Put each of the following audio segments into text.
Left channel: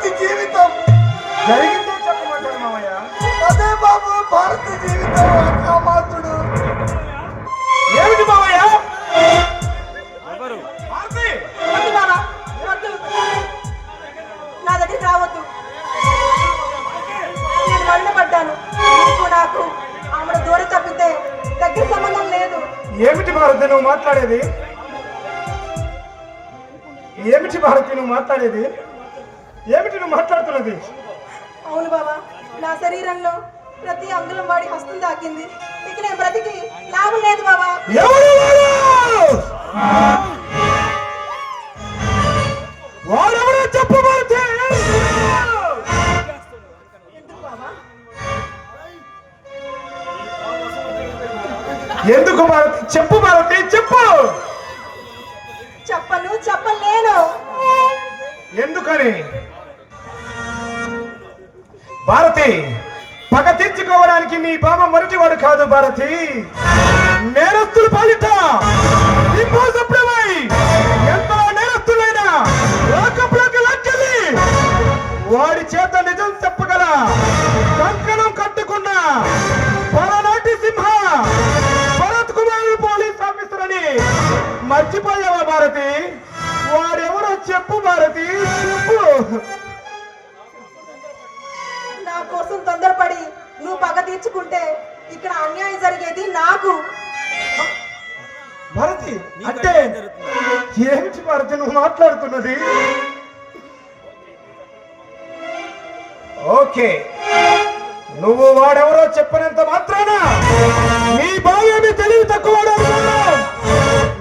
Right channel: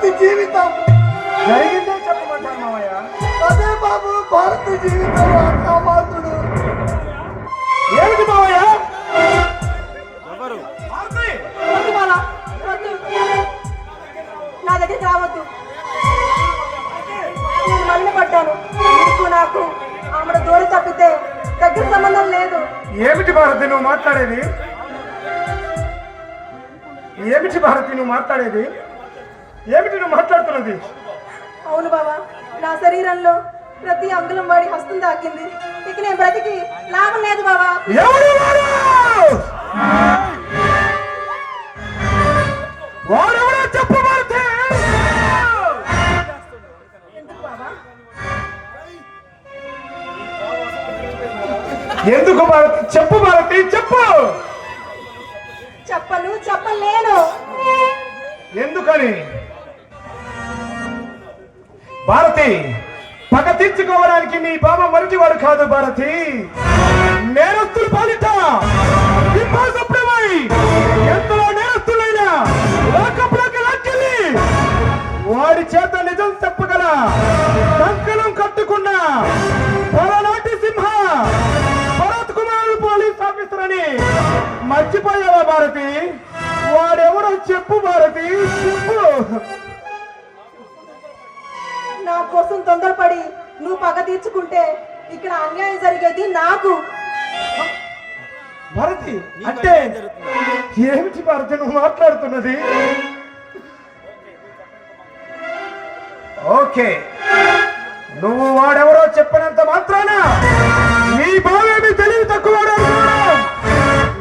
భారతి జీవితం. జరిగిందే చెప్పమంటాను మావయ్య. అదే బాబు భారతి జీవితం. కామాత్రుడు ఏమిటి ఎవరు. నా రావద్దు. నేను నీకు నాకు? ఆమె దూరం తప్పితే దగ్గర సంబంధం లేదు. ఏమిటి భారతి నువ్వు మాట్లాడేది? ఏమిటి భారతి నువ్వు మాట్లాడేది? ఏమిటి నువ్వు మాట్లాడుతున్నది? అవును బాబా నా శరీరంలో ప్రతి అంగుళం వాడి హస్తం తాకింది ఇక నేను బ్రతికి లాభం లేదు బాబా వాడు? చెప్పు ఎందుకు భారతి చెప్పు భారతి చెప్పు. చెప్పను చెప్పలేను ఎందుకని? భారతి పగ తీర్చుకోవడానికి నీ బామ మరటివాడు కాదు భారతి. నేరస్తులు పాలిట తొందరపడి నువ్వు పగ తీర్చుకుంటే ఇక్కడ అన్యాయం జరిగేది నాకు. భారతి అంటే ఏమిటి భారతి నువ్వు మాట్లాడుతున్నది? ఓకే నువ్వు వాడెవరో చెప్పనంత మాత్రాన నీ భావేమి తెలివి తక్కువ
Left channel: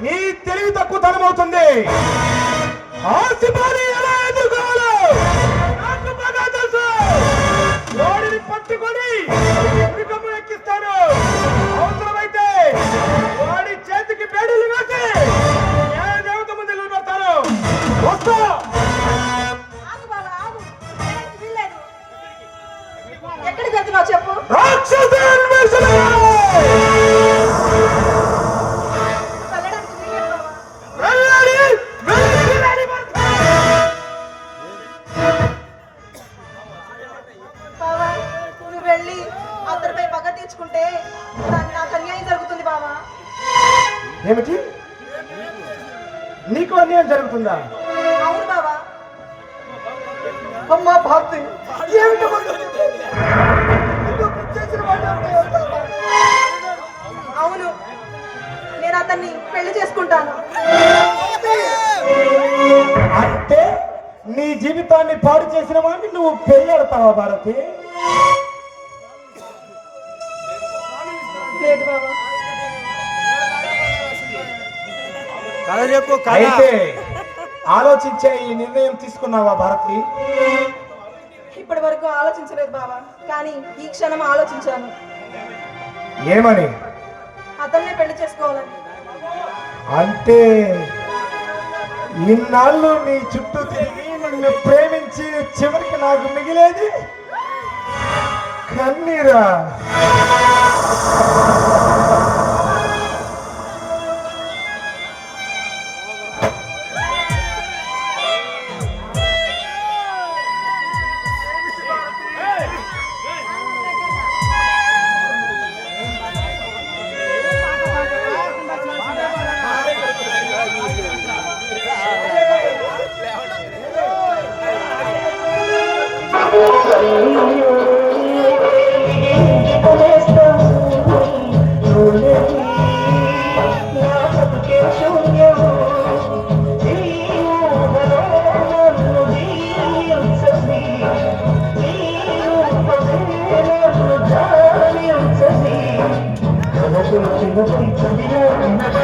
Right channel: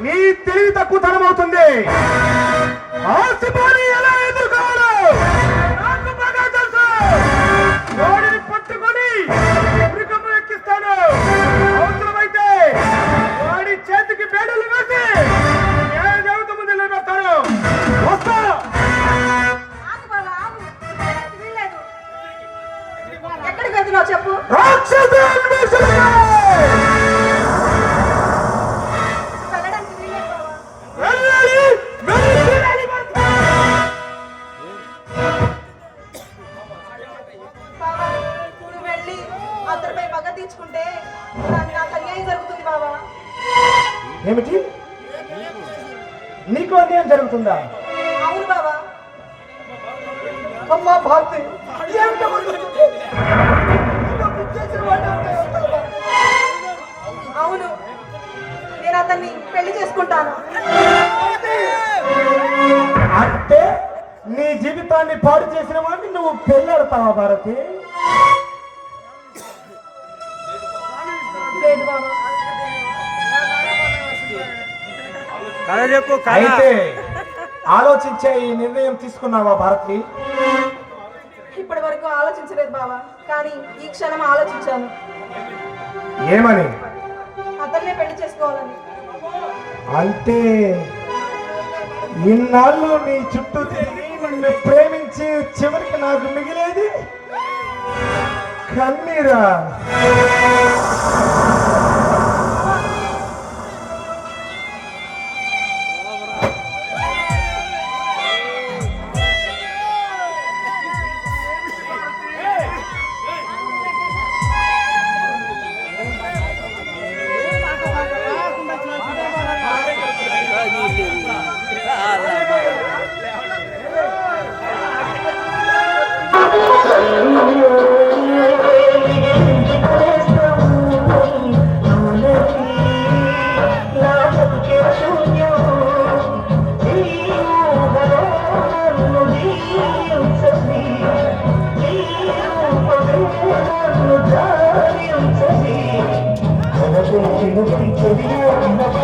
నీ తెలివి తక్కువ అవుతుంది ఆసిఫాని ఎలా బాబా ఏమిటి? నీకు అన్యాయం జరుగుతుందా? అమ్మా భారతి అవును. నేను అతన్ని పెళ్ళి చేసుకుంటాను. అంటే నీ జీవితాన్ని పాడు చేసిన వాడిని నువ్వు పెళ్ళాడతావా భారతి? అయితే ఆలోచించే ఈ నిర్ణయం తీసుకున్నావా భారతి? ఇప్పటి వరకు ఆలోచించలేదు బాబా కానీ ఈ క్షణం ఆలోచించాను. ఏమని? అతన్నే పెళ్ళి చేసుకోవాలని. అంటే ఇన్నాళ్ళు నీ చుట్టూ తిరిగి నిన్ను ప్రేమించి చివరికి నాకు మిగిలేది? కన్నీరా? Thank you. No quiero.